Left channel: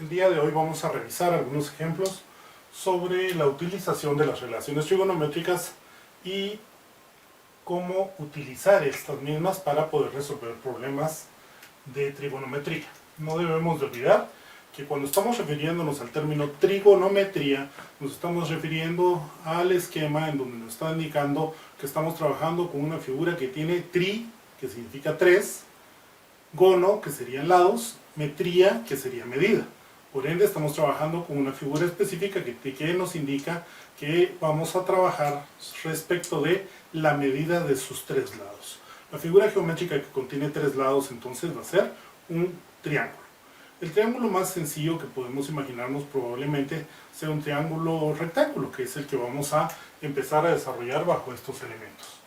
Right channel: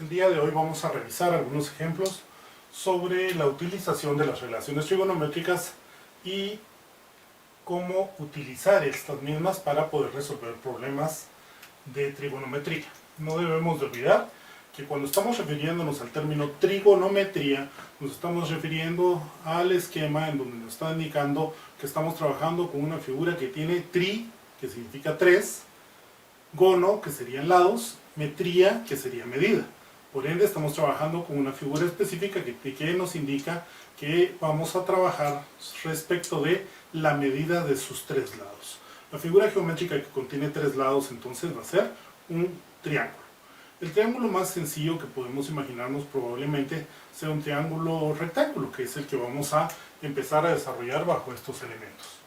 El día de hoy vamos a revisar algunos ejemplos sobre la utilización de las relaciones trigonométricas y cómo utilizar estas mismas para poder resolver problemas de trigonometría. No debemos de olvidar que cuando estamos refiriéndonos al término trigonometría, nos estamos refiriendo al esquema en donde nos está indicando que estamos trabajando con una figura que tiene tri, que significa 3, gono, que serían lados, metría, que sería medida. Por ende, estamos trabajando con una figura específica que nos indica que vamos a trabajar respecto de la medida de sus 3 lados. La figura geométrica que contiene 3 lados entonces va a ser un triángulo. El triángulo más sencillo que podemos imaginarnos probablemente sea un triángulo rectángulo, que es el que vamos a empezar a desarrollar bajo estos elementos.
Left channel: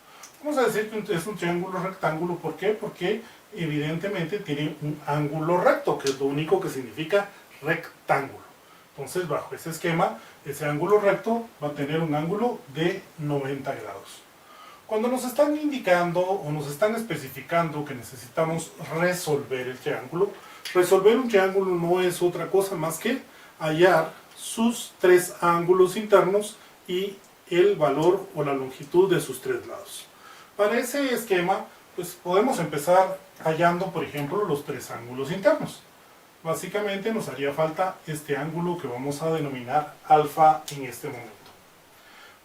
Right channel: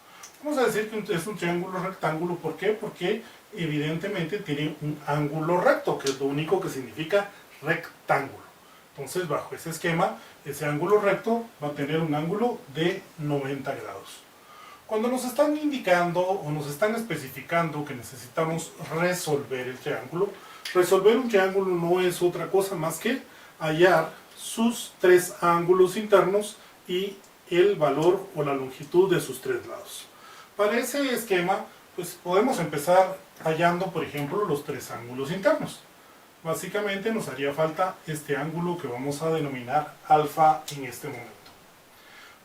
Vamos a decir que es un triángulo rectángulo, ¿por qué? Porque evidentemente tiene un ángulo recto, que es lo único que significa rectángulo. Entonces, bajo ese esquema, ese ángulo recto va a tener un ángulo de 90 grados. Cuando nos están indicando o nos están especificando que necesitamos resolver el triángulo, resolver un triángulo no es otra cosa más que hallar sus 3 ángulos internos y el valor o la longitud de sus 3 lados. Para ese esquema, pues podemos empezar hallando, por ejemplo, los 3 ángulos internos. Básicamente nos haría falta este ángulo que vamos a denominar alfa en este momento.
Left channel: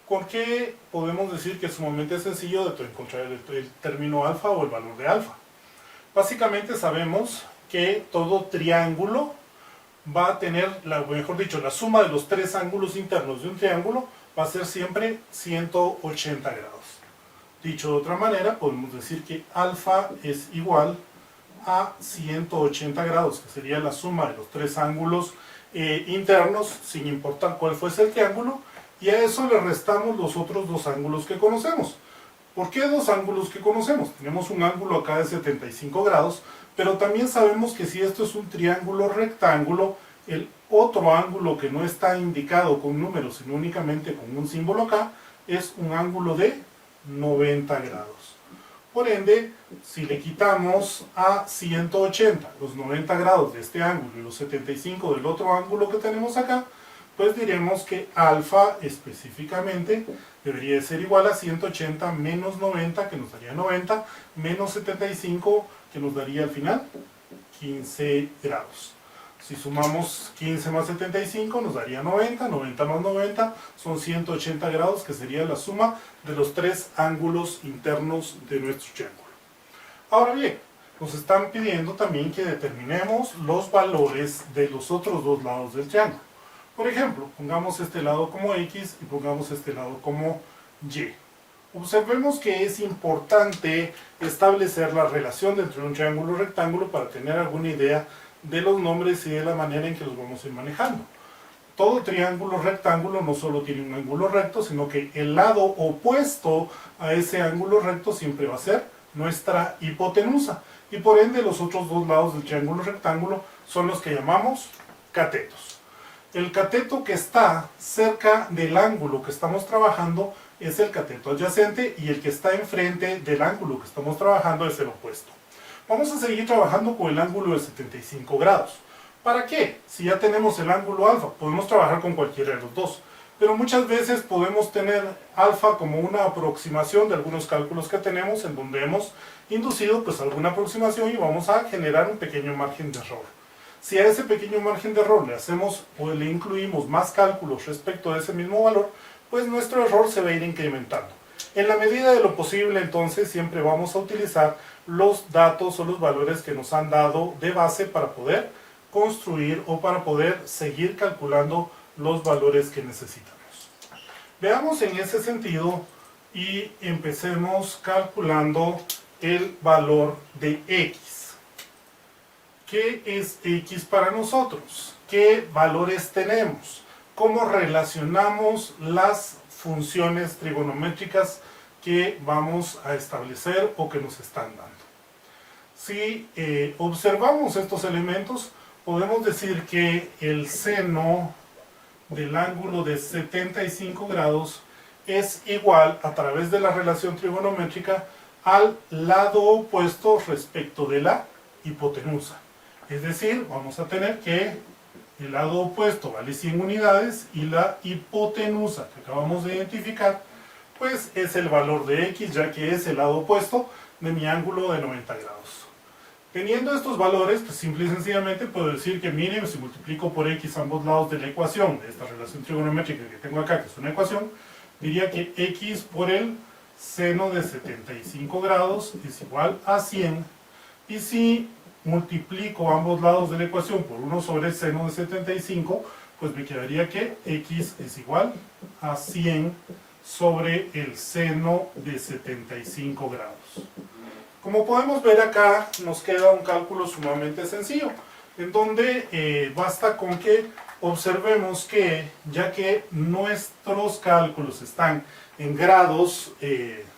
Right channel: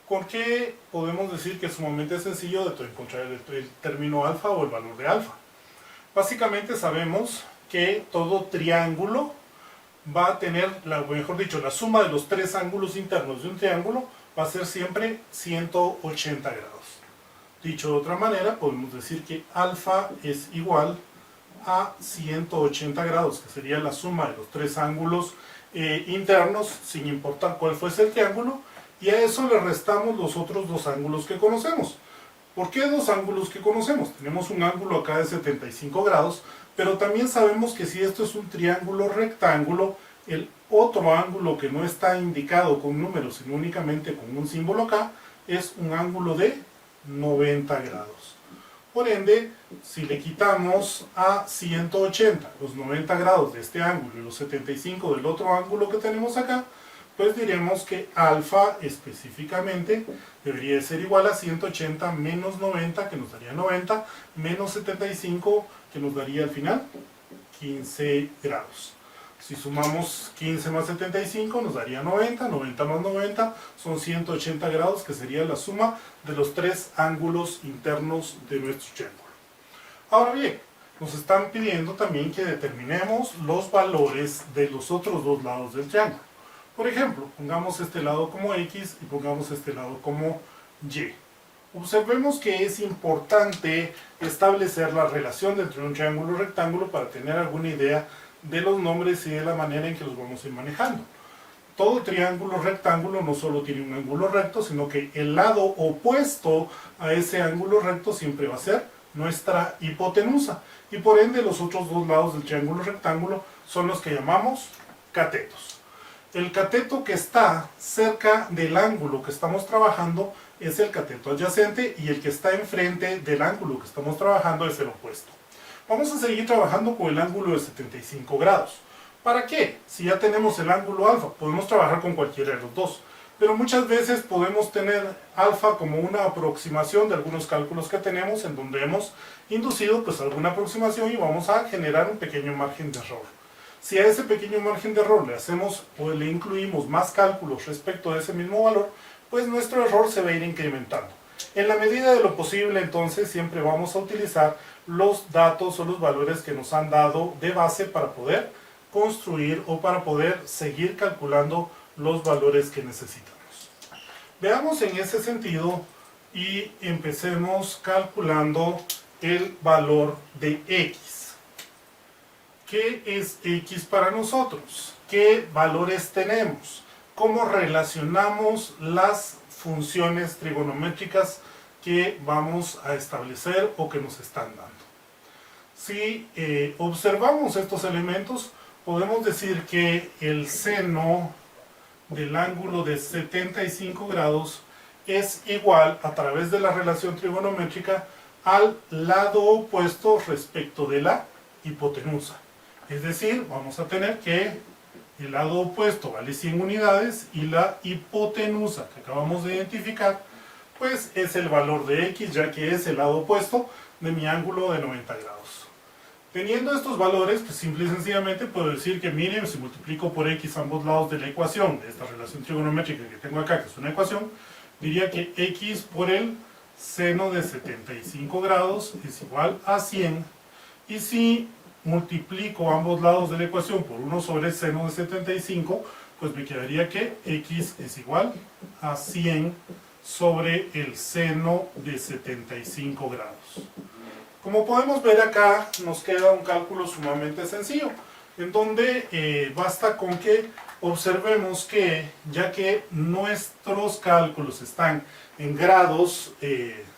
¿Por qué podemos decir que es sumamente sencillo de encontrar el término alfa o el valor de alfa? Básicamente sabemos que todo triángulo va a tener, mejor dicho, la suma de los 3 ángulos internos de un triángulo va a ser siempre 180 grados. Dicho de otra manera, podemos decir que alfa es igual a 180 grados, que sería la suma de los 3 ángulos internos, sin importar cuál fuese el triángulo, y a eso le restamos los otros 2 ángulos que conocemos. ¿Por qué 2 ángulos que conocemos? Tenemos un ángulo acá de 75 grados, pero también sabemos que si esto es un triángulo rectángulo, el otro ángulo que no está indicado con números, sino únicamente con un símbolo acá, es un ángulo de 90 grados. Por ende, si le quitamos a 180 los 90 grados de este ángulo y los 75 del otro ángulo que tenemos acá, pues diremos que alfa específicamente debería ser igual a 180 menos 90, que nos daría 90, menos 75, que nos daría al final 15 grados. Si sumamos 15 más 75 nos daría 90, 90 más 90 son 180 grados, que sería la suma de los 3 ángulos internos de nuestro triángulo. Ahora bien, nos están pidiendo también que determinemos los valores de los otros 2 lados del triángulo. Por ejemplo, pongamos este lado como X y pongamos este lado como Y. Observemos que es importante establecer la relación entre un triángulo y un rectángulo para tener alguna idea de los nombres y de la manera en que los vamos a ir manejando. Todo triángulo rectángulo no solo tiene un ángulo recto, sino que el lado opuesto a ese ángulo recto siempre va a ser nuestra hipotenusa. Y por ende los otros 2 lados del triángulo rectángulo son los que llamamos catetos. El cateto que está cerca del ángulo que estamos trabajando es el cateto adyacente, y el que está enfrente del ángulo que estamos trabajando es el opuesto. Vamos a seguir trabajando con el ángulo de 75 grados. ¿Para qué? Si ya tenemos el ángulo alfa, podemos trabajar con cualquiera de los 2. Pero muchas veces podemos tener alfa como una aproximación de algunos cálculos que tenemos, en donde hemos inducido pues alguna aproximación y vamos a generar un pequeño margen de error. Si a ese pequeño margen de error le hacemos o le incluimos más cálculos respecto de ese mismo valor, pues nuestro error se va a ir incrementando. En la medida de lo posible, entonces, siempre vamos a utilizar los datos o los valores que nos han dado de base para poder construir o para poder seguir calculando los valores que necesitamos. Veamos en ese sentido y empecemos calculando el valor de X. ¿Qué es X para nosotros? ¿Qué valores tenemos? ¿Cómo relacionamos las funciones trigonométricas que vamos a establecer o que nos están dando? Si observamos estos elementos, podemos decir que el seno del ángulo de 75 grados es igual, a través de la relación trigonométrica, al lado opuesto respecto de la hipotenusa. Es decir, vamos a tener que el lado opuesto vale 100 unidades y la hipotenusa que acabamos de identificar, pues es el valor de x, ya que es el lado opuesto de mi ángulo de 90 grados. Teniendo estos valores, pues simple y sencillamente puedo decir que, miren, si multiplico por x ambos lados de la ecuación, de esta relación trigonométrica que tengo acá, que es una ecuación, diría que x por el seno de 75 grados es igual a 100. Y si multiplico ambos lados de la ecuación por 1 sobre el seno de 75, pues me quedaría que x es igual a 100 sobre el seno de 75 grados. Como podemos ver acá, nos queda un cálculo sumamente sencillo, en donde basta con que observemos que, ya que nuestros cálculos están en grados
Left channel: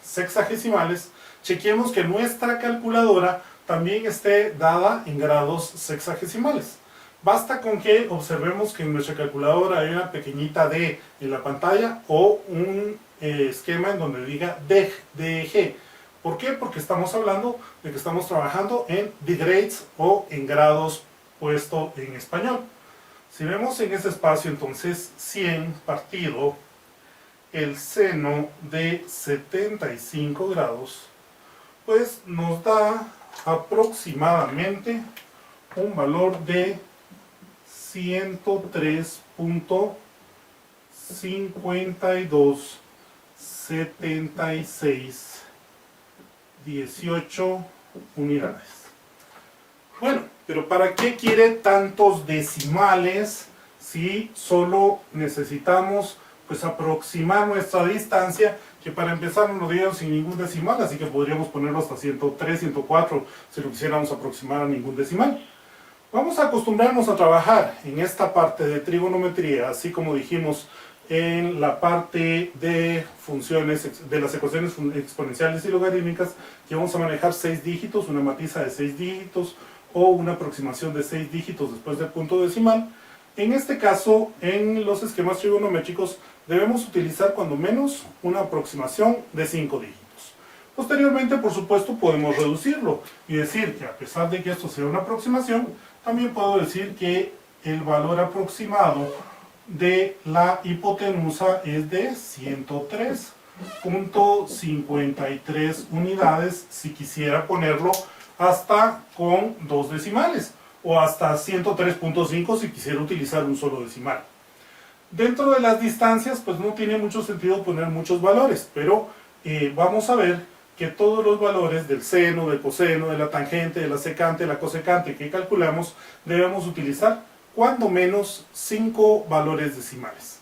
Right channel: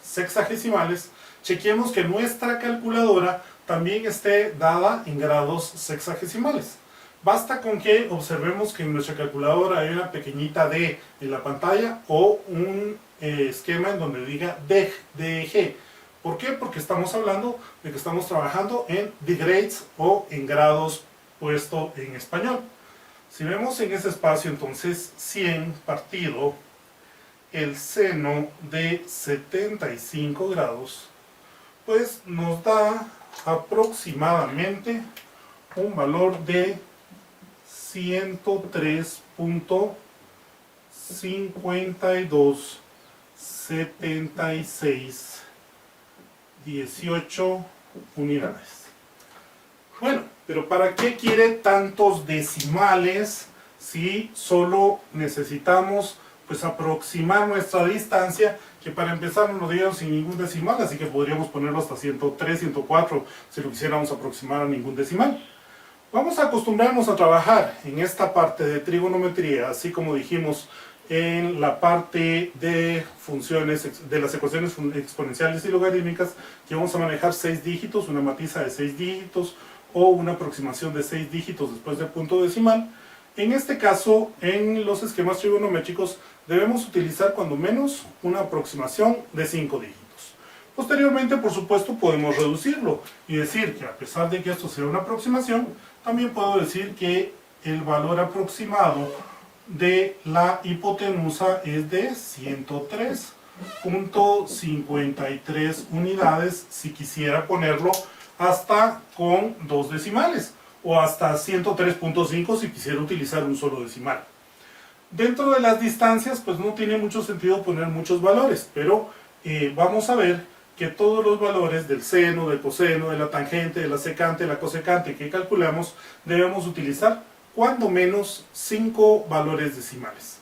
sexagesimales, chequeemos que nuestra calculadora también esté dada en grados sexagesimales. Basta con que observemos que en nuestra calculadora hay una pequeñita D en la pantalla o un esquema en donde diga DG. ¿Por qué? Porque estamos hablando de que estamos trabajando en degrees o en grados puesto en español. Si vemos en ese espacio, entonces 100 partido el seno de 75 grados, pues nos da aproximadamente un valor de 103.527618 unidades. Bueno, pero ¿para qué quiere tantos decimales si solo necesitamos pues aproximar nuestra distancia, que para empezar no lo dieron sin ningún decimal, así que podríamos ponerlo hasta 103, 104 si lo quisiéramos aproximar a ningún decimal? Vamos a acostumbrarnos a trabajar en esta parte de trigonometría, así como dijimos en la parte de funciones, de las ecuaciones exponenciales y logarítmicas, que vamos a manejar 6 dígitos, una matiza de 6 dígitos o una aproximación de 6 dígitos después del punto decimal. En este caso, en los esquemas trigonométricos, debemos utilizar cuando menos una aproximación de 5 dígitos. Posteriormente, por supuesto, podemos reducirlo y decir que a pesar de que esto sea una aproximación, también puedo decir que el valor aproximado de la hipotenusa es de 103.53 unidades si quisiera ponerlo hasta con 2 decimales, o hasta 103.5 si quisiera utilizar un solo decimal. Dentro de las distancias, pues no tiene mucho sentido poner muchos valores, pero vamos a ver que todos los valores del seno, del coseno, de la tangente, de la secante, de la cosecante que calculamos, debemos utilizar cuando menos 5 valores decimales.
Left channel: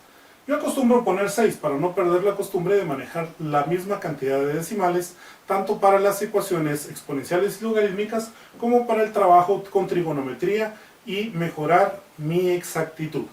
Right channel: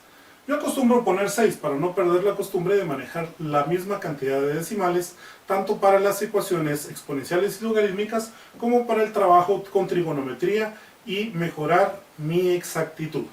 Yo acostumbro poner 6 para no perder la costumbre de manejar la misma cantidad de decimales, tanto para las ecuaciones exponenciales y logarítmicas como para el trabajo con trigonometría y mejorar mi exactitud.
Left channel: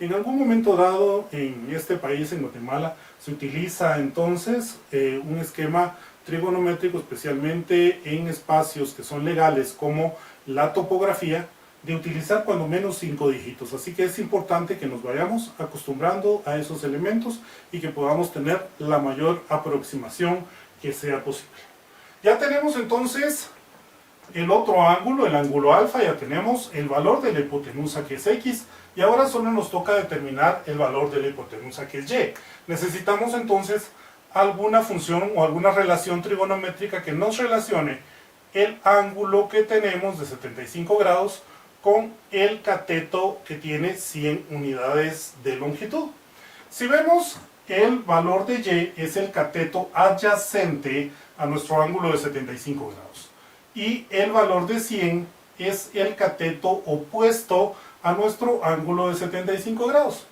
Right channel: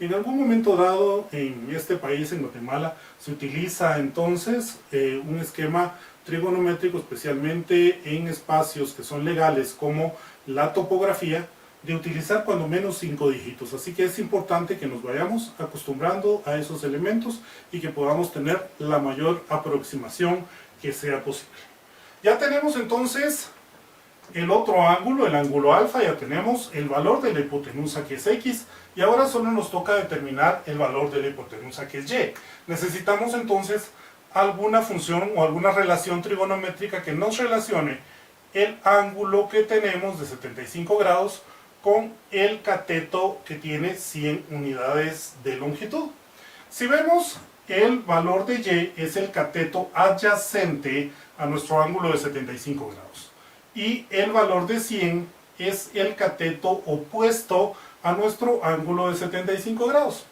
En algún momento dado en este país, en Guatemala, se utiliza entonces un esquema trigonométrico, especialmente en espacios que son legales como la topografía, de utilizar cuando menos 5 dígitos. Así que es importante que nos vayamos acostumbrando a esos elementos y que podamos tener la mayor aproximación que sea posible. Ya tenemos entonces el otro ángulo, el ángulo alfa, ya tenemos el valor de la hipotenusa que es x, y ahora solo nos toca determinar el valor de la hipotenusa que es y. Necesitamos entonces alguna función o alguna relación trigonométrica que nos relacione el ángulo que tenemos de 75 grados con el cateto que tiene 100 unidades de longitud. Si vemos, el valor de y es el cateto adyacente a nuestro ángulo de 75 grados. Y el valor de 100 es el cateto opuesto a nuestro ángulo de 75 grados.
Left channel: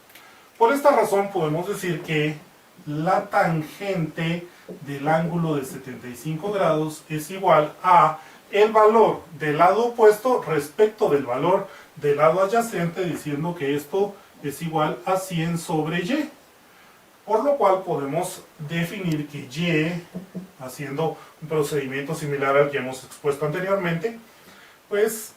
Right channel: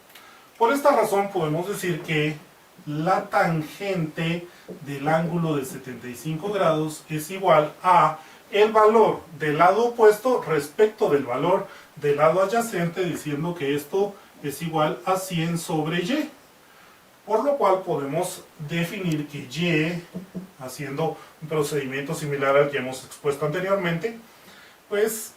Por esta razón podemos decir que la tangente del ángulo de 75 grados es igual a el valor del lado opuesto respecto del valor del lado adyacente, diciendo que esto es igual a 100 sobre y. Por lo cual podemos definir que y, haciendo un procedimiento similar al que hemos expuesto anteriormente, pues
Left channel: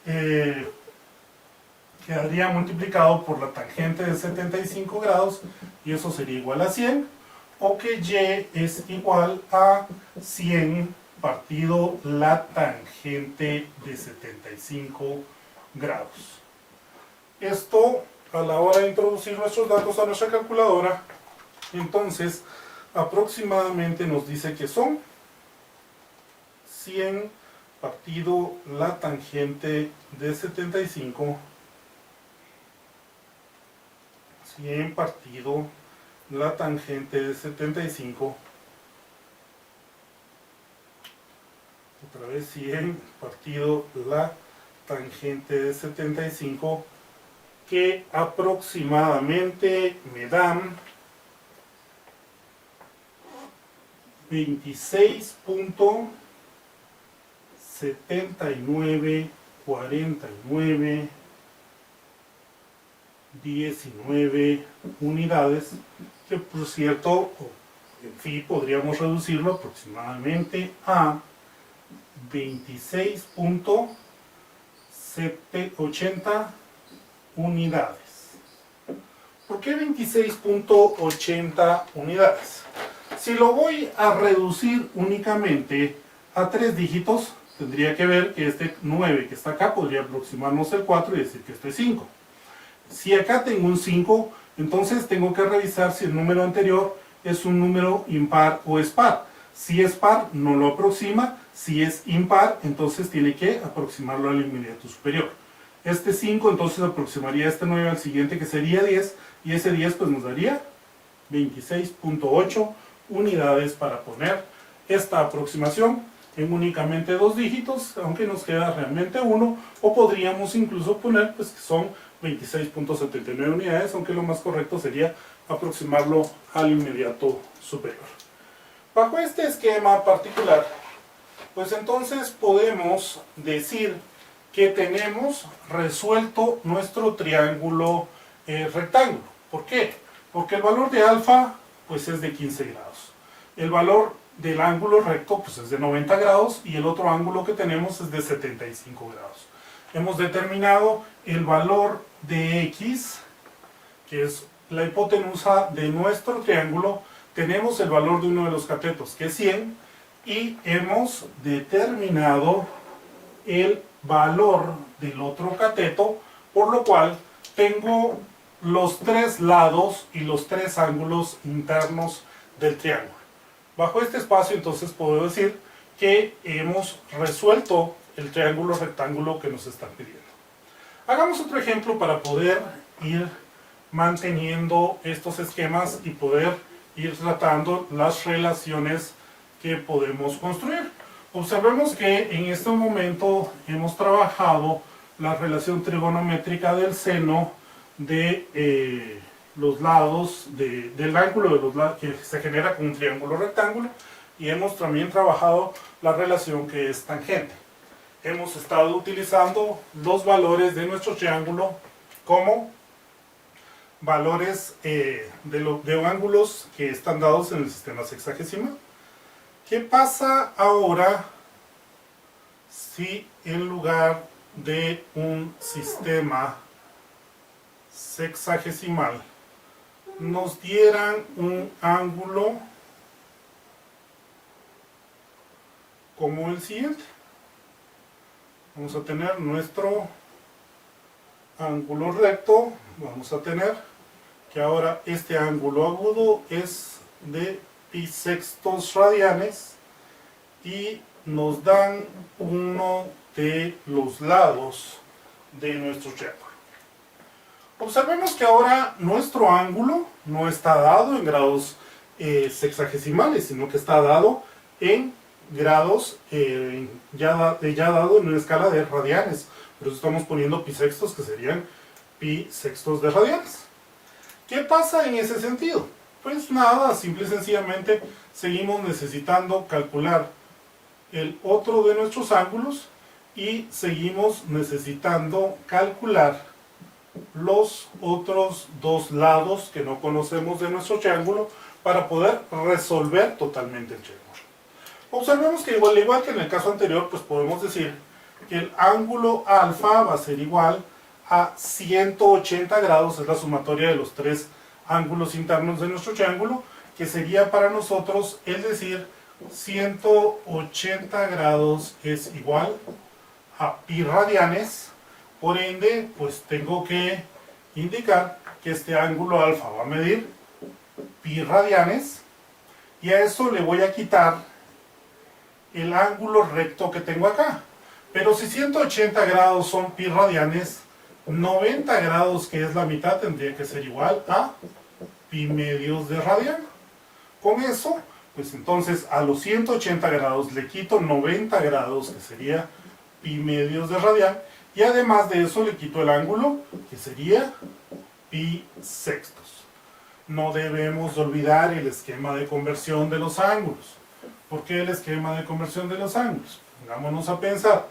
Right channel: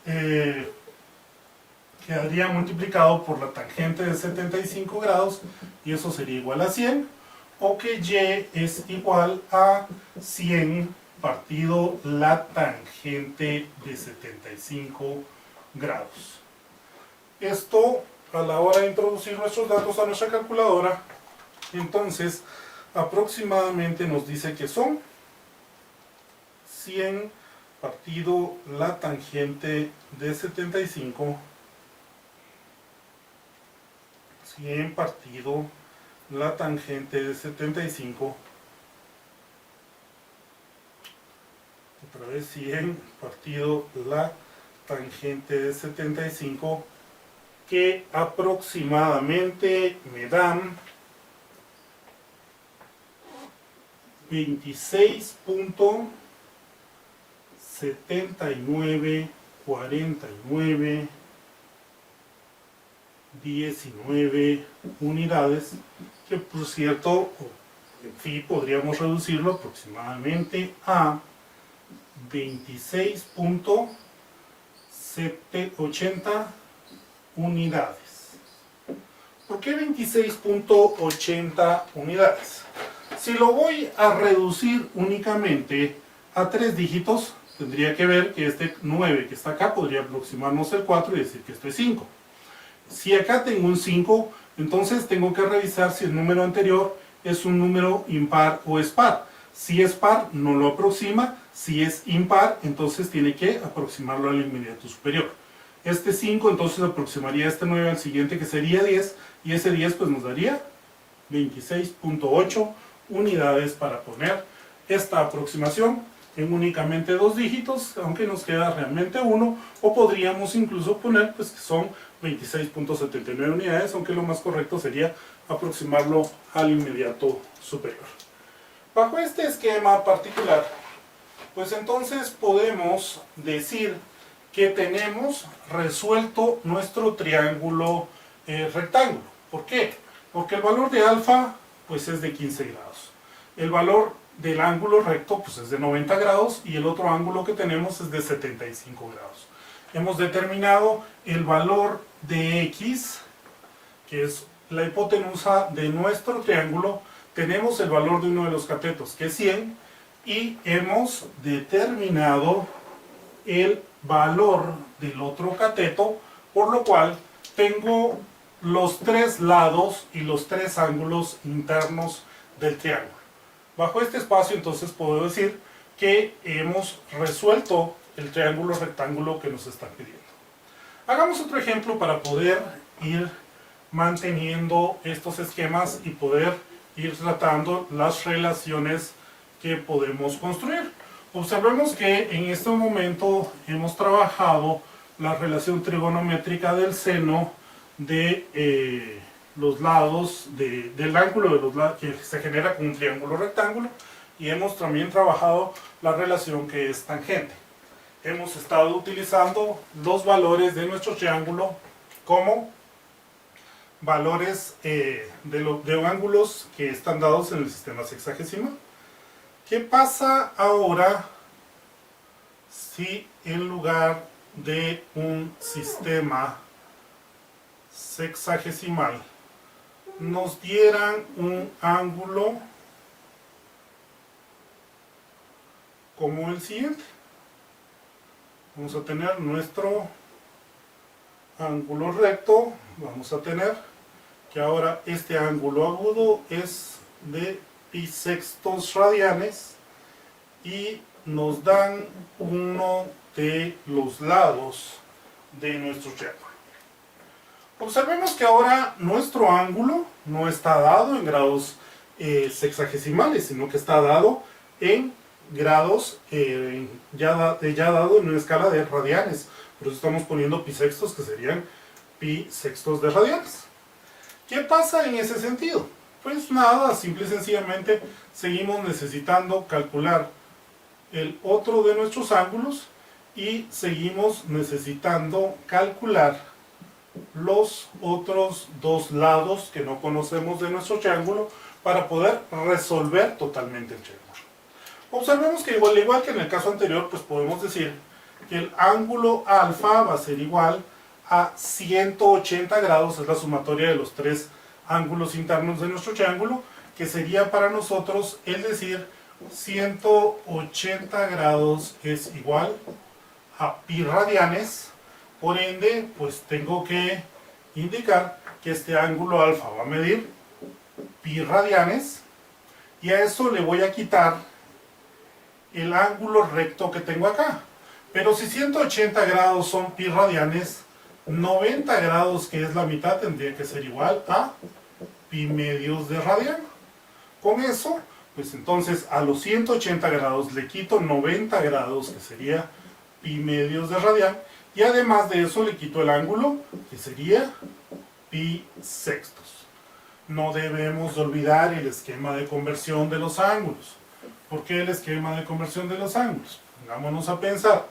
quedaría multiplicado por la tangente de 75 grados, y eso sería igual a 100, o que y es igual a 100 partido la tangente de 75 grados. Esto, a la hora de introducir nuestros datos a nuestra calculadora, entonces aproximadamente nos dice que son 100 partido la tangente de 75, 100 partido la tangente de 75, otra vez 100 partido la tangente de 75, que aproximadamente me dan 26.794919 unidades, que por cierto, en fin, podríamos reducirlo aproximadamente a 26.80 unidades. ¿Por qué 26.80 unidades? Si lo voy a reducir únicamente a 3 dígitos, tendría que ver que este 9 que está acá podría aproximarnos el 4 y decir que esto es 5. Si acá tengo un 5, entonces tengo que revisar si el número anterior es un número impar o es par. Si es par, no lo aproxima. Si es impar, entonces tiene que aproximarlo al inmediato superior. Este 5 entonces aproximaría este 9 al siguiente, que sería 10, y ese 10 pues nos daría 26.8 unidades para poner esta aproximación en únicamente 2 dígitos, aunque nos queda realmente 1, o podríamos incluso poner pues que son 26.79 unidades, aunque lo más correcto sería aproximarlo al inmediato superior. Bajo este esquema particular, pues entonces podemos decir que tenemos resuelto nuestro triángulo rectángulo. ¿Por qué? Porque el valor de alfa pues es de 15 grados. El valor del ángulo recto pues es de 90 grados y el otro ángulo que tenemos es de 75 grados. Hemos determinado el valor de x, que es la hipotenusa de nuestro triángulo. Tenemos el valor de uno de los catetos, que es 100, y hemos determinado el valor del otro cateto, por lo cual tengo los 3 lados y los 3 ángulos internos del triángulo. Bajo este espacio entonces puedo decir que hemos resuelto el triángulo rectángulo que nos están pidiendo. Hagamos otro ejemplo para poder ir manteniendo estos esquemas y poder ir tratando las relaciones que podemos construir. Observemos que en este momento hemos trabajado la relación trigonométrica del seno de los lados del ángulo de los lados que se genera con un triángulo rectángulo, y hemos también trabajado la relación que es tangente. Hemos estado utilizando los valores de nuestro triángulo como valores de ángulos que están dados en el sistema sexagesimal. ¿Qué pasa ahora si en lugar de un sistema sexagesimal nos dieran un ángulo como el siguiente? Vamos a tener nuestro ángulo recto, vamos a tener que ahora este ángulo agudo es de pi sextos radianes y nos dan uno de los lados de nuestro triángulo. Observemos que ahora nuestro ángulo no está dado en grados sexagesimales, sino que está dado en grados ya dado en una escala de radianes. Por eso estamos poniendo pi sextos, que serían pi sextos de radianes. ¿Qué pasa en ese sentido? Pues nada, simple y sencillamente seguimos necesitando calcular el otro de nuestros ángulos y seguimos necesitando calcular los otros 2 lados que no conocemos de nuestro triángulo para poder resolver totalmente el triángulo. Observemos que igual que en el caso anterior, pues podemos decir que el ángulo alfa va a ser igual a 180 grados, es la sumatoria de los 3 ángulos internos de nuestro triángulo, que sería para nosotros el decir 180 grados es igual a pi radianes, Por ende, pues tengo que indicar que este ángulo alfa va a medir pi radianes, y a eso le voy a quitar el ángulo recto que tengo acá. Pero si 180 grados son pi radianes, 90 grados, que es la mitad, tendría que ser igual a pi medios de radian. Con eso, pues entonces a los 180 grados le quito 90 grados, que sería pi medios de radian, y además de eso le quito el ángulo, que sería pi sextos. No debemos olvidar el esquema de conversión de los ángulos. ¿Por qué el esquema de conversión de los ángulos? Pongámonos a pensar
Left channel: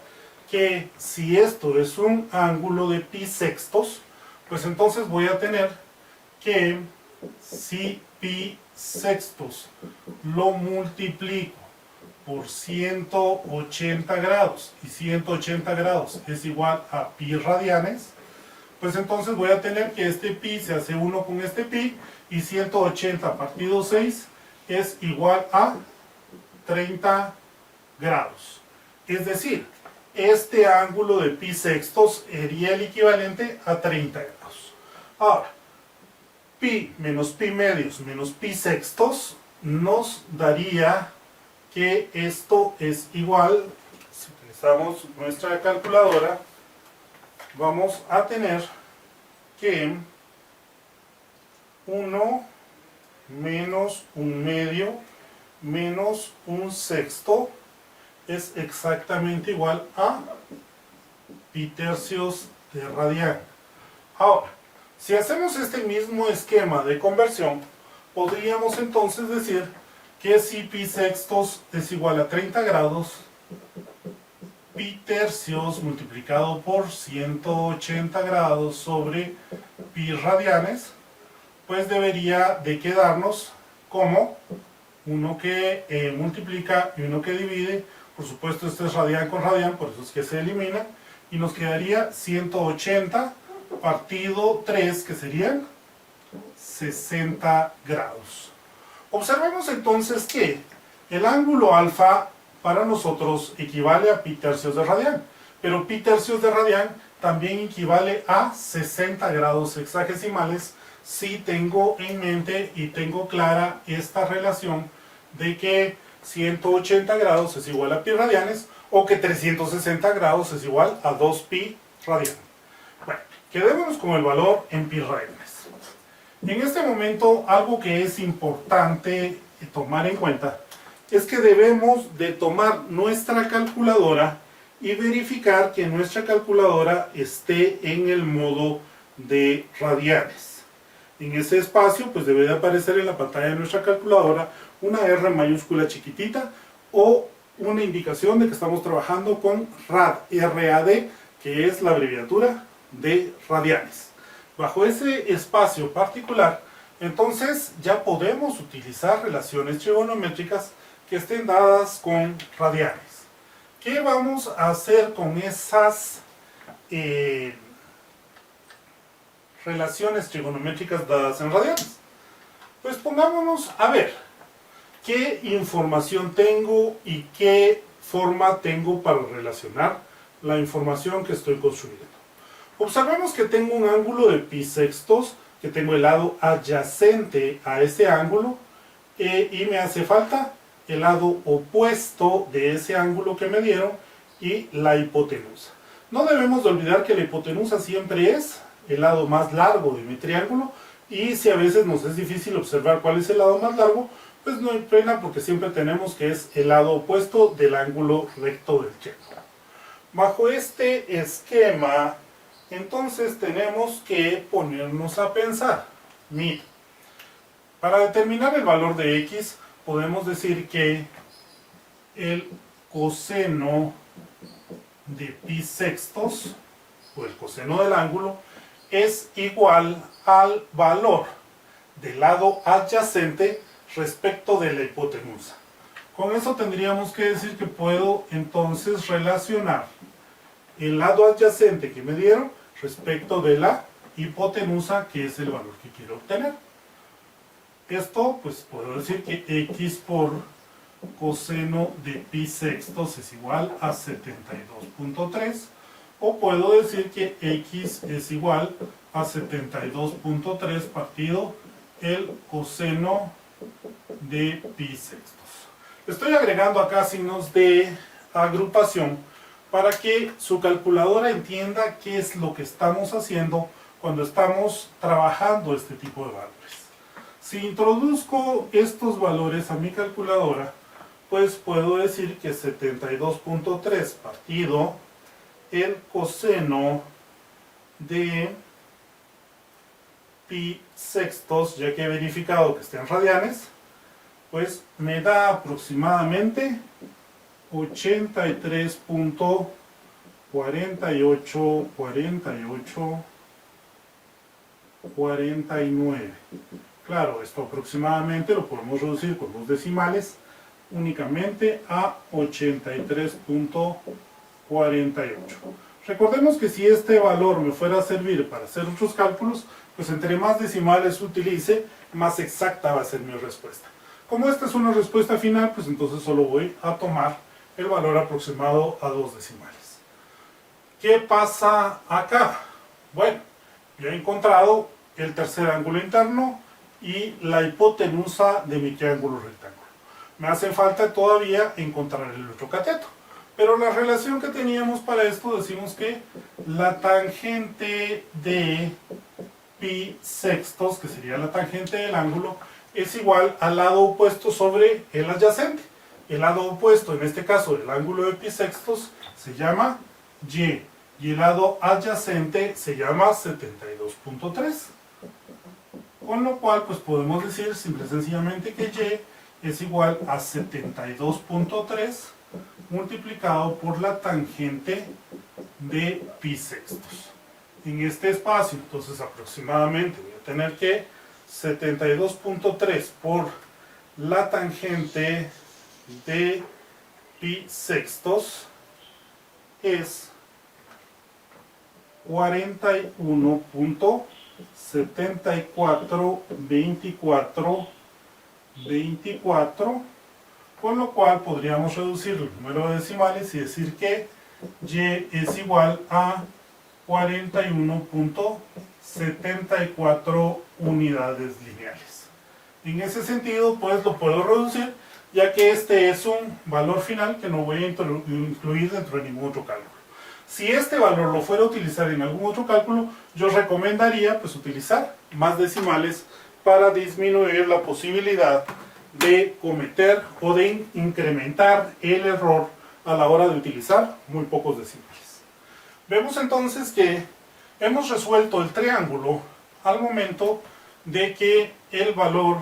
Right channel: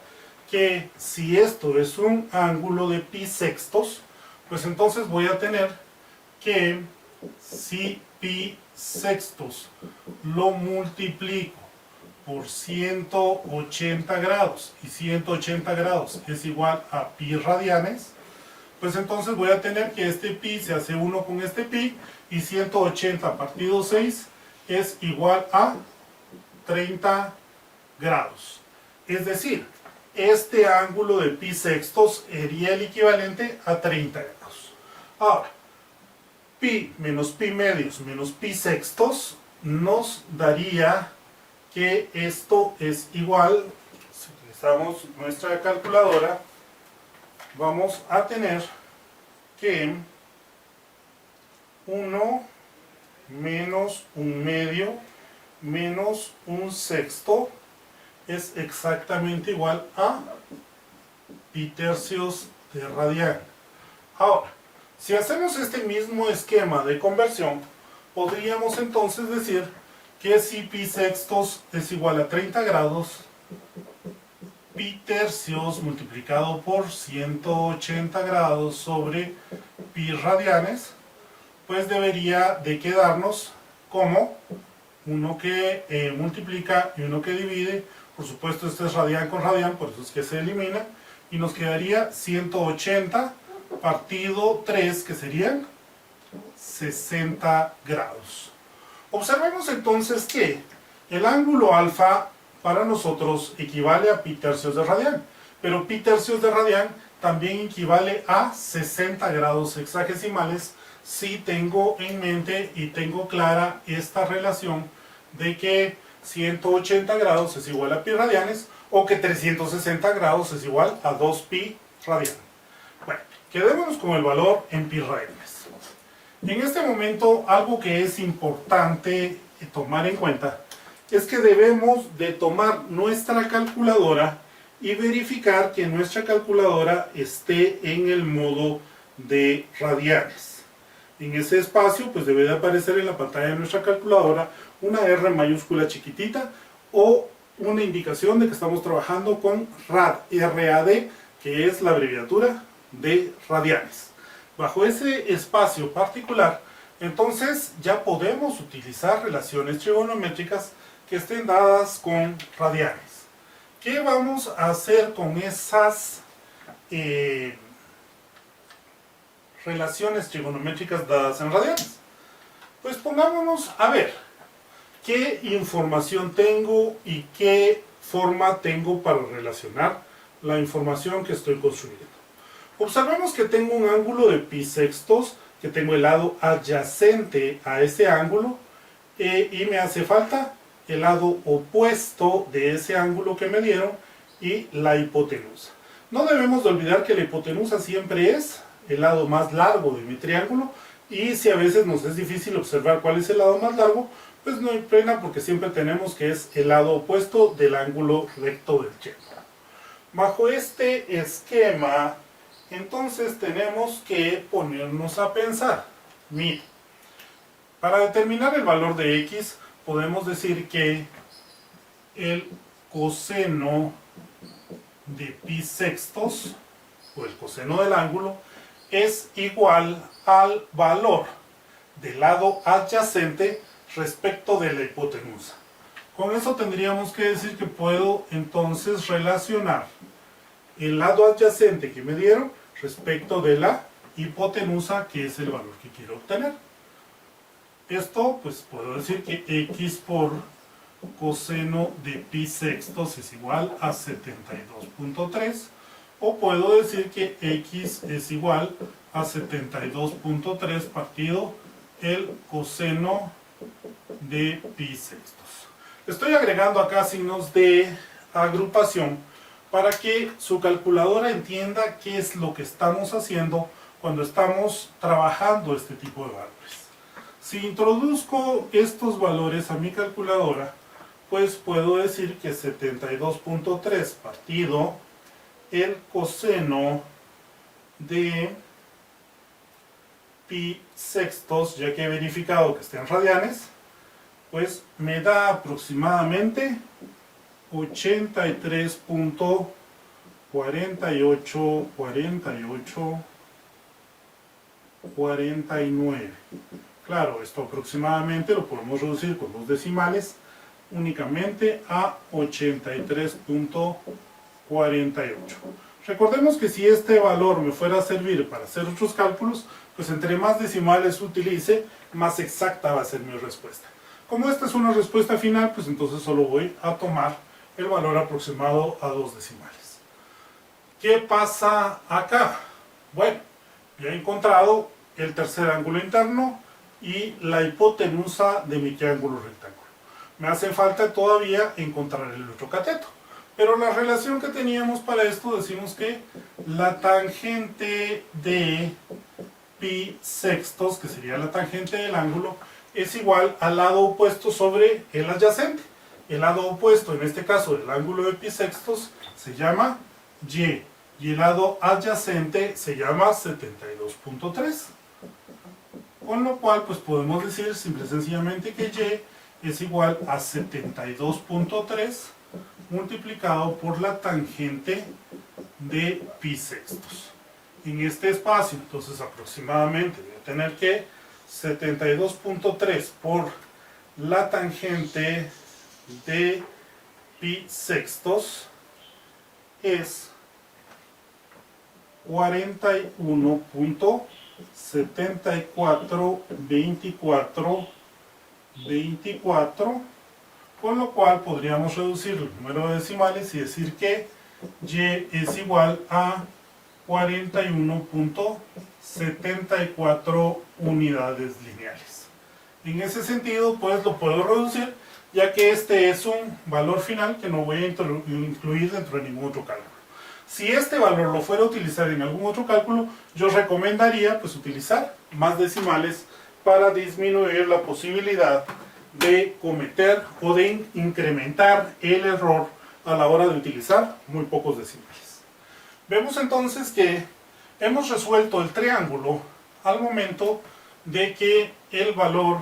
que si esto es un ángulo de pi sextos, pues entonces voy a tener que si pi sextos lo multiplico por 180 grados y 180 grados es igual a pi radianes, pues entonces voy a tener que este pi se hace 1 con este pi, y 180 partido 6 es igual a 30 grados. Es decir, este ángulo de pi sextos sería el equivalente a 30 grados. Ahora, pi menos pi medios menos pi sextos nos daría que esto es igual, si utilizamos nuestra calculadora, vamos a tener que 1 menos un medio menos un sexto es exactamente igual a pi tercios de radian. Ahora, si hacemos este mismo esquema de conversión, podríamos entonces decir que si pi sextos es igual a 30 grados, pi tercios multiplicado por 180 grados sobre pi radianes, pues debería de quedarnos como uno que multiplica y uno que divide. Por supuesto, este es radian con radian, por eso es que se elimina, y nos quedaría 180 partido 3, que serían 60 grados. Observemos entonces que el ángulo alfa para nosotros equivale a pi tercios de radian, pero pi tercios de radian también equivale a 60 grados hexagesimales, si tengo en mente y tengo clara esta relación de que 180 grados es igual a pi radianes, o que 360 grados es igual a 2 pi radian. Bueno, quedémonos con el valor en pi radianes. En este momento, algo que es importante tomar en cuenta es que debemos de tomar nuestra calculadora y verificar que nuestra calculadora esté en el modo de radianes. En ese espacio, pues debe de aparecer en la pantalla de nuestra calculadora una R mayúscula chiquitita o una indicación de que estamos trabajando con RAD, R-A-D, que es la abreviatura de radianes. Bajo ese espacio particular, entonces ya podemos utilizar relaciones trigonométricas que estén dadas con radianes. ¿Qué vamos a hacer con esas relaciones trigonométricas dadas en radianes? Pues pongámonos a ver qué información tengo y qué forma tengo para relacionar la información que estoy construyendo. Observemos que tengo un ángulo de pi sextos, que tengo el lado adyacente a ese ángulo, y me hace falta el lado opuesto de ese ángulo que me dieron y la hipotenusa. No debemos de olvidar que la hipotenusa siempre es el lado más largo de mi triángulo, y si a veces nos es difícil observar cuál es el lado más largo, pues no hay pena, porque siempre tenemos que es el lado opuesto del ángulo recto del triángulo. Bajo este esquema, entonces tenemos que ponernos a pensar. Mira, para determinar el valor de x, podemos decir que el coseno de pi sextos, o el coseno del ángulo, es igual al valor del lado adyacente respecto de la hipotenusa. Con eso tendríamos que decir que puedo entonces relacionar el lado adyacente que me dieron respecto de la hipotenusa, que es el valor que quiero obtener. Esto, pues puedo decir que x por coseno de pi sextos es igual a 72.3, o puedo decir que x es igual a 72.3 partido el coseno de pi sextos. Estoy agregando acá signos de agrupación para que su calculadora entienda qué es lo que estamos haciendo cuando estamos trabajando este tipo de valores. Si introduzco estos valores a mi calculadora, pues puedo decir que 72.3 partido el coseno de pi sextos, ya que he verificado que está en radianes, pues me da aproximadamente 83.48. Claro, esto aproximadamente lo podemos reducir con dos decimales únicamente a 83.48. Recordemos que si este valor me fuera a servir para hacer otros cálculos, pues entre más decimales utilice, más exacta va a ser mi respuesta. Como esta es una respuesta final, pues entonces solo voy a tomar el valor aproximado a dos decimales. ¿Qué pasa acá? Bueno, ya he encontrado el tercer ángulo interno y la hipotenusa de mi triángulo rectángulo. Me hace falta todavía encontrar el otro cateto. Pero la relación que teníamos para esto, decimos que la tangente de pi sextos, que sería la tangente del ángulo, es igual al lado opuesto sobre el adyacente. El lado opuesto, en este caso del ángulo de pi sextos, se llama y el lado adyacente se llama 72.3. Con lo cual, pues podemos decir simple y sencillamente que y es igual a 72.3 multiplicado por la tangente de pi sextos. En este espacio, entonces aproximadamente voy a tener que 72.3 por la tangente de pi sextos es 41.7424, con lo cual podríamos reducir el número de decimales y decir que y es igual a 41.74 unidades lineales. En ese sentido, pues lo puedo reducir, ya que este es un valor final que no voy a incluir dentro de ningún otro cálculo. Si este valor lo fuera a utilizar en algún otro cálculo, yo recomendaría pues utilizar más decimales para disminuir la posibilidad de cometer o de incrementar el error a la hora de utilizar muy pocos decimales. Vemos entonces que hemos resuelto el triángulo al momento de que el valor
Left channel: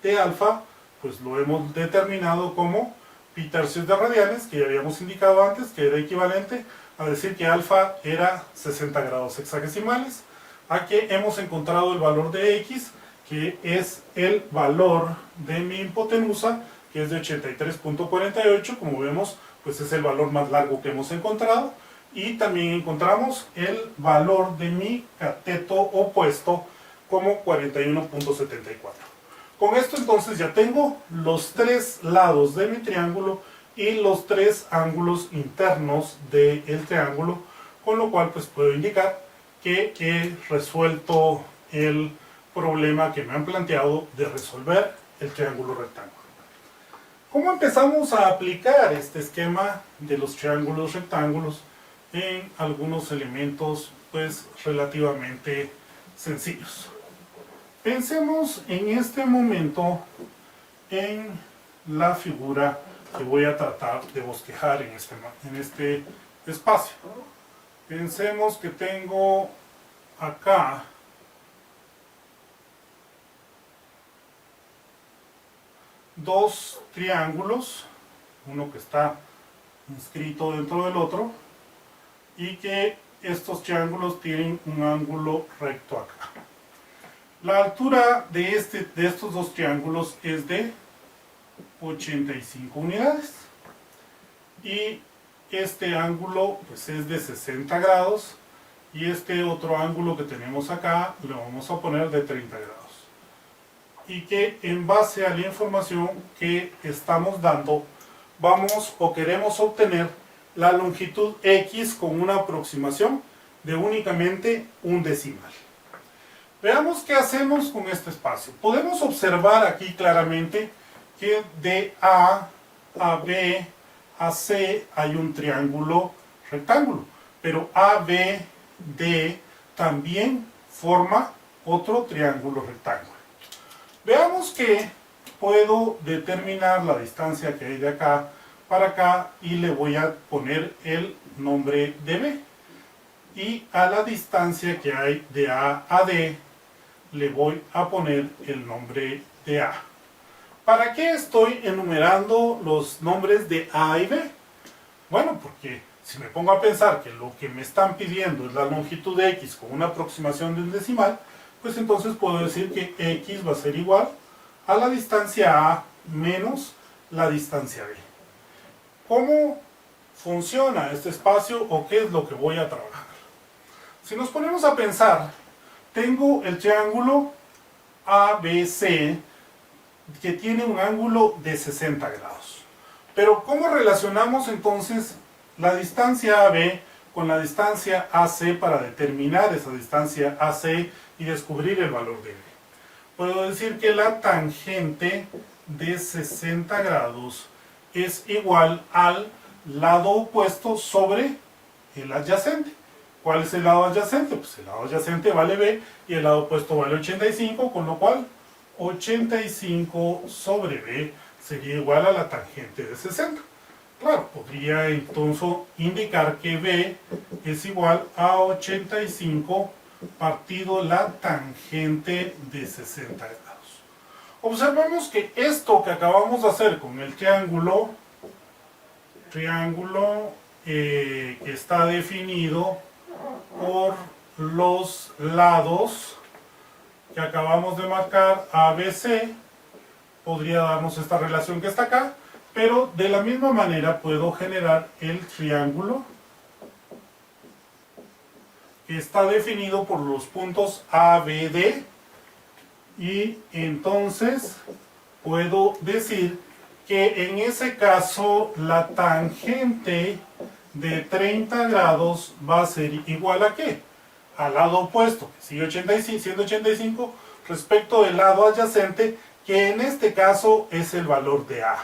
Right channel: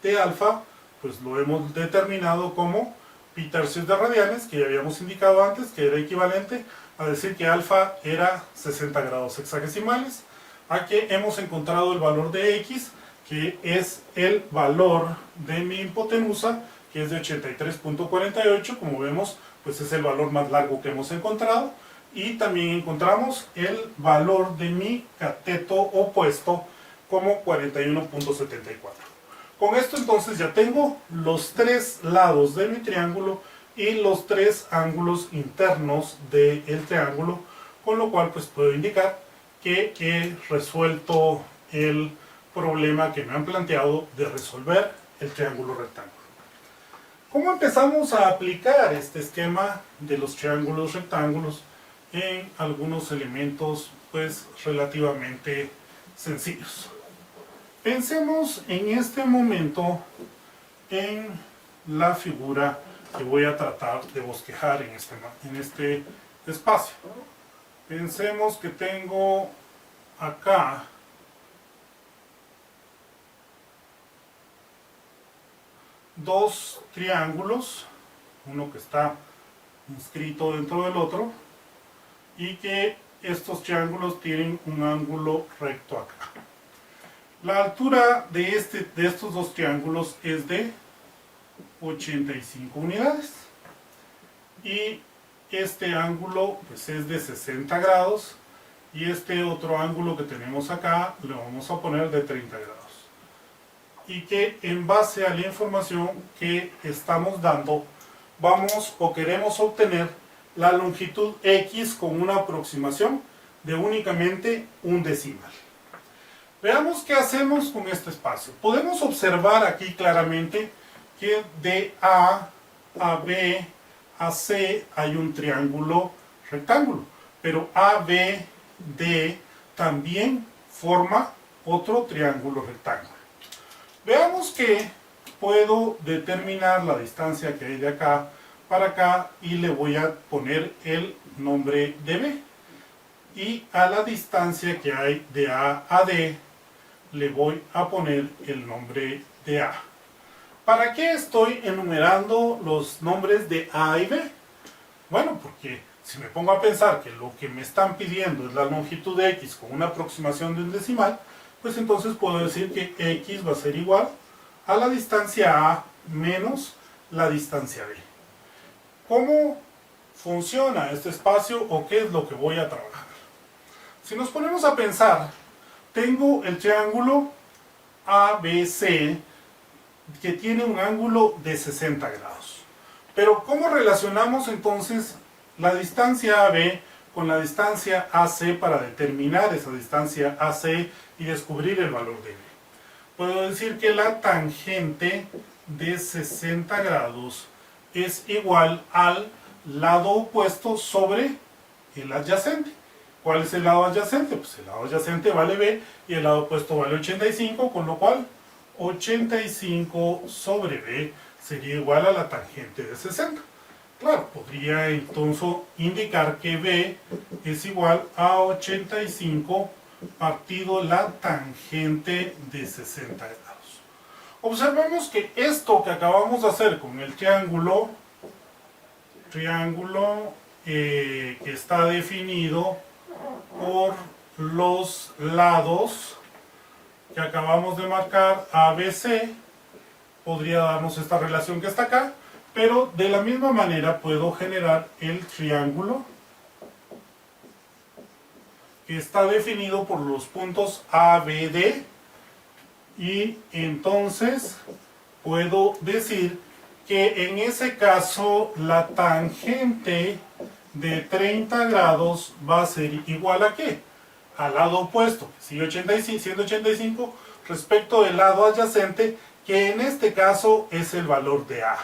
de alfa pues lo hemos determinado como pi tercios de radianes, que ya habíamos indicado antes que era equivalente a decir que alfa era 60 grados hexagesimales, a que hemos encontrado el valor de x, que es el valor de mi hipotenusa, que es de 83.48, como vemos, pues es el valor más largo que hemos encontrado, y también encontramos el valor de mi cateto opuesto como 41.74. Con esto entonces ya tengo los tres lados de mi triángulo y los tres ángulos internos del triángulo, con lo cual pues puedo indicar que he resuelto el problema que me han planteado de resolver el triángulo rectángulo. ¿Cómo empezamos a aplicar este esquema de los triángulos rectángulos en algunos elementos pues relativamente sencillos? Pensemos en este momento en la figura que voy a tratar de bosquejar en este espacio. Pensemos que tengo acá dos triángulos, uno que está inscrito dentro del otro, y que estos triángulos tienen un ángulo recto acá. La altura de estos dos triángulos es de 85 unidades y este ángulo pues es de 60 grados y este otro ángulo que tenemos acá le vamos a poner de 30 grados, y que en base a la información que estamos dando vamos o queremos obtener la longitud X con una aproximación de únicamente un decimal. Veamos qué hacemos con este espacio. Podemos observar aquí claramente que de A a B a C hay un triángulo rectángulo, pero ABD también forma otro triángulo rectángulo. Veamos que puedo determinar la distancia que hay de acá para acá y le voy a poner el nombre de B. Y a la distancia que hay de A a D le voy a poner el nombre de A. ¿Para qué estoy enumerando los nombres de A y B? Bueno, porque si me pongo a pensar que lo que me están pidiendo es la longitud de X con una aproximación de un decimal, pues entonces puedo decir que X va a ser igual a la distancia A menos la distancia B. ¿Cómo funciona este espacio o qué es lo que voy a trabajar? Si nos ponemos a pensar, tengo el triángulo ABC que tiene un ángulo de 60 grados. Pero ¿cómo relacionamos entonces la distancia AB con la distancia AC para determinar esa distancia AC y descubrir el valor de B? Puedo decir que la tangente de 60 grados es igual al lado opuesto sobre el adyacente. ¿Cuál es el lado adyacente? Pues el lado adyacente vale B y el lado opuesto vale 85, con lo cual 85 sobre B sería igual a la tangente de 60. Claro, podría entonces indicar que B es igual a 85 partido la tangente de 60 grados. Observemos que esto que acabamos de hacer con el triángulo que está definido por los lados que acabamos de marcar ABC, podría darnos esta relación que está acá, pero de la misma manera puedo generar el triángulo que está definido por los puntos ABD y entonces puedo decir que en ese caso la tangente de 30 grados va a ser igual a ¿qué? Al lado opuesto, que sigue 85, siendo 85, respecto del lado adyacente, que en este caso es el valor de A.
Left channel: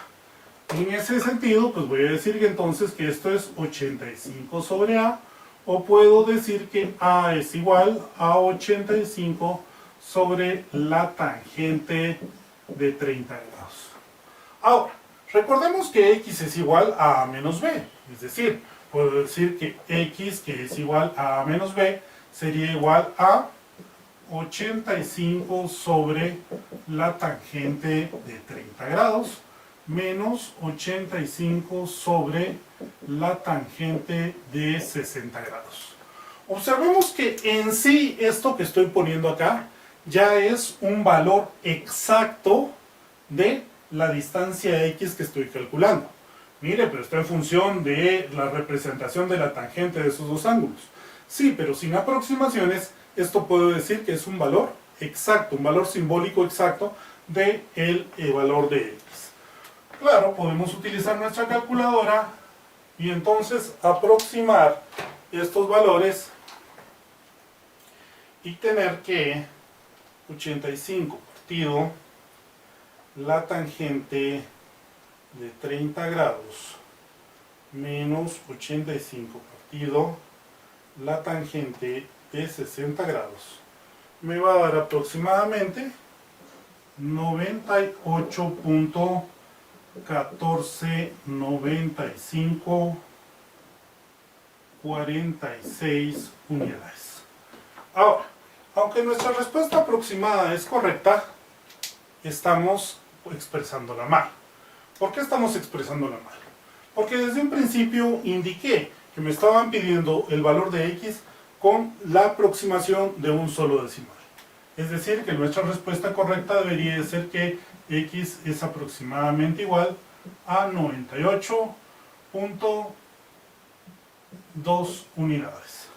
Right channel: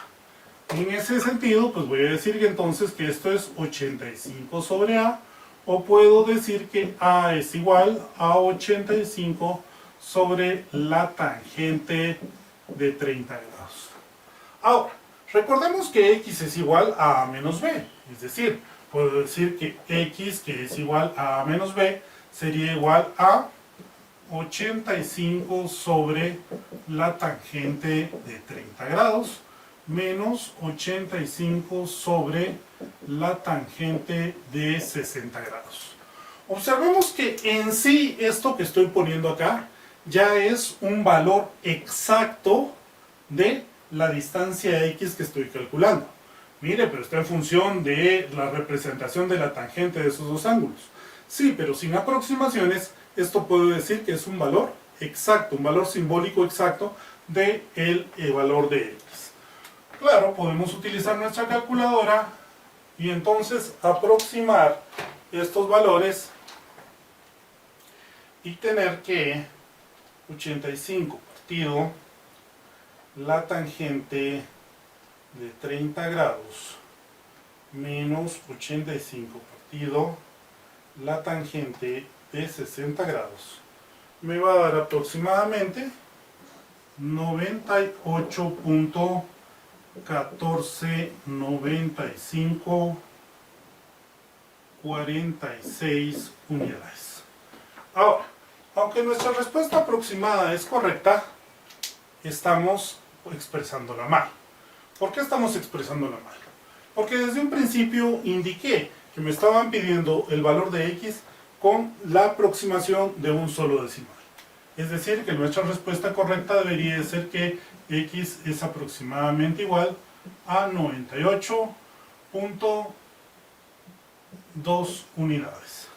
En ese sentido, pues voy a decir que entonces que esto es 85 sobre A, o puedo decir que A es igual a 85 sobre la tangente de 30 grados. Ahora, recordemos que X es igual a A menos B, es decir, puedo decir que X, que es igual a A menos B, sería igual a 85 sobre la tangente de 30 grados menos 85 sobre la tangente de 60 grados. Observemos que en sí esto que estoy poniendo acá ya es un valor exacto de la distancia X que estoy calculando. Mire, pero está en función de la representación de la tangente de esos dos ángulos. Sí, pero sin aproximaciones, esto puedo decir que es un valor exacto, un valor simbólico exacto del valor de X. Claro, podemos utilizar nuestra calculadora y entonces aproximar estos valores y tener que 85 partido la tangente de 30 grados menos 85 partido la tangente de 60 grados me va a dar aproximadamente 98.149546 unidades. Ahora, aunque nuestra respuesta aproximada es correcta, estamos expresándola mal. ¿Por qué estamos expresándola mal? Porque desde un principio indiqué que me estaban pidiendo el valor de X con la aproximación de un solo decimal. Es decir, que nuestra respuesta correcta debería ser que X es aproximadamente igual a 98.2 unidades.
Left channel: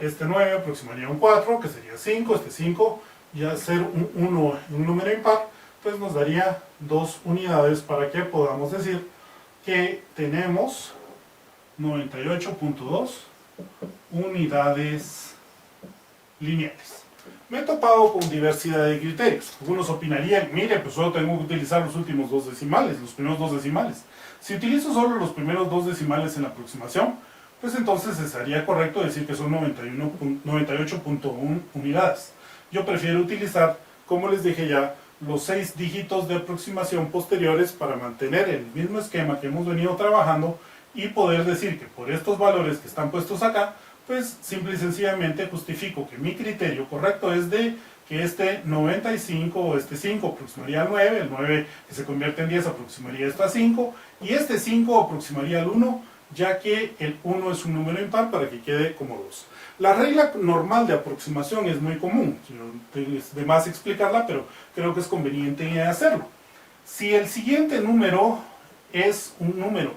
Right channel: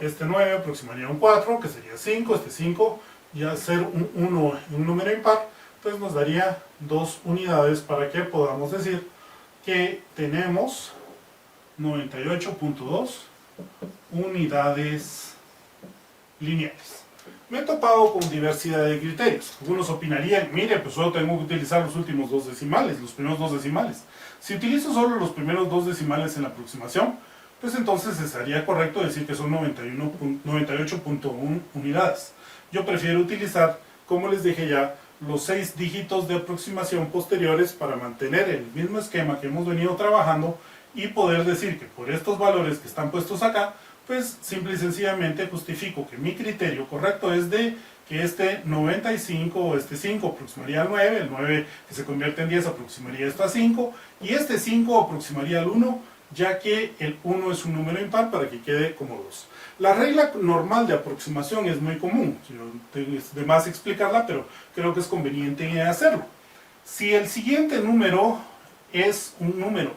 Este 9 aproximaría a un 4, que sería 5, este 5, y al ser un 1 un número impar, pues nos daría 2 unidades para que podamos decir que tenemos 98.2 unidades lineales. Me he topado con diversidad de criterios. Algunos opinarían, mire, pues solo tengo que utilizar los últimos dos decimales, los primeros dos decimales. Si utilizo solo los primeros dos decimales en la aproximación, pues entonces estaría correcto decir que son 98.1 unidades. Yo prefiero utilizar, como les dije ya, los 6 dígitos de aproximación posteriores para mantener el mismo esquema que hemos venido trabajando y poder decir que por estos valores que están puestos acá, pues simple y sencillamente justifico que mi criterio correcto es de que este 95 o este 5 aproximaría al 9, el 9 que se convierte en 10 aproximaría esto a 5 y este 5 aproximaría al 1, ya que el 1 es un número impar para que quede como 2. La regla normal de aproximación es muy común, es de más explicarla, pero creo que es conveniente hacerlo. Si el siguiente número es un número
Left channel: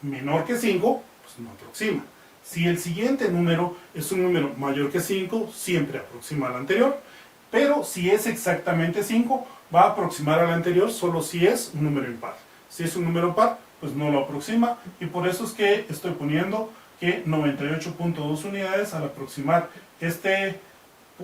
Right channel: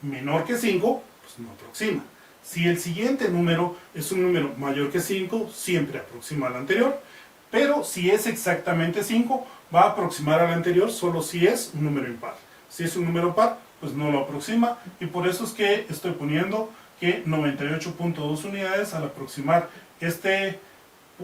menor que 5, pues no aproxima. Si el siguiente número es un número mayor que 5, siempre aproxima al anterior, pero si es exactamente 5, va a aproximar al anterior solo si es un número impar. Si es un número par, pues no lo aproxima, y por eso es que estoy poniendo que 98.2 unidades al aproximar este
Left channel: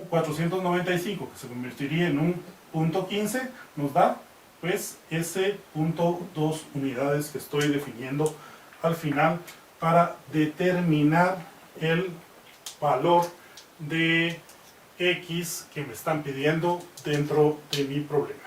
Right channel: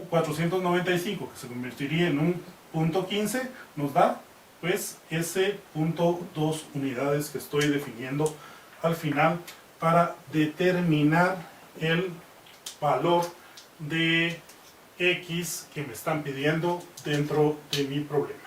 495, que se convertiría en un punto 15, nos da pues ese punto 2 unidades que estoy definiendo al final para determinar el valor de X que me están pidiendo dentro de mi problema.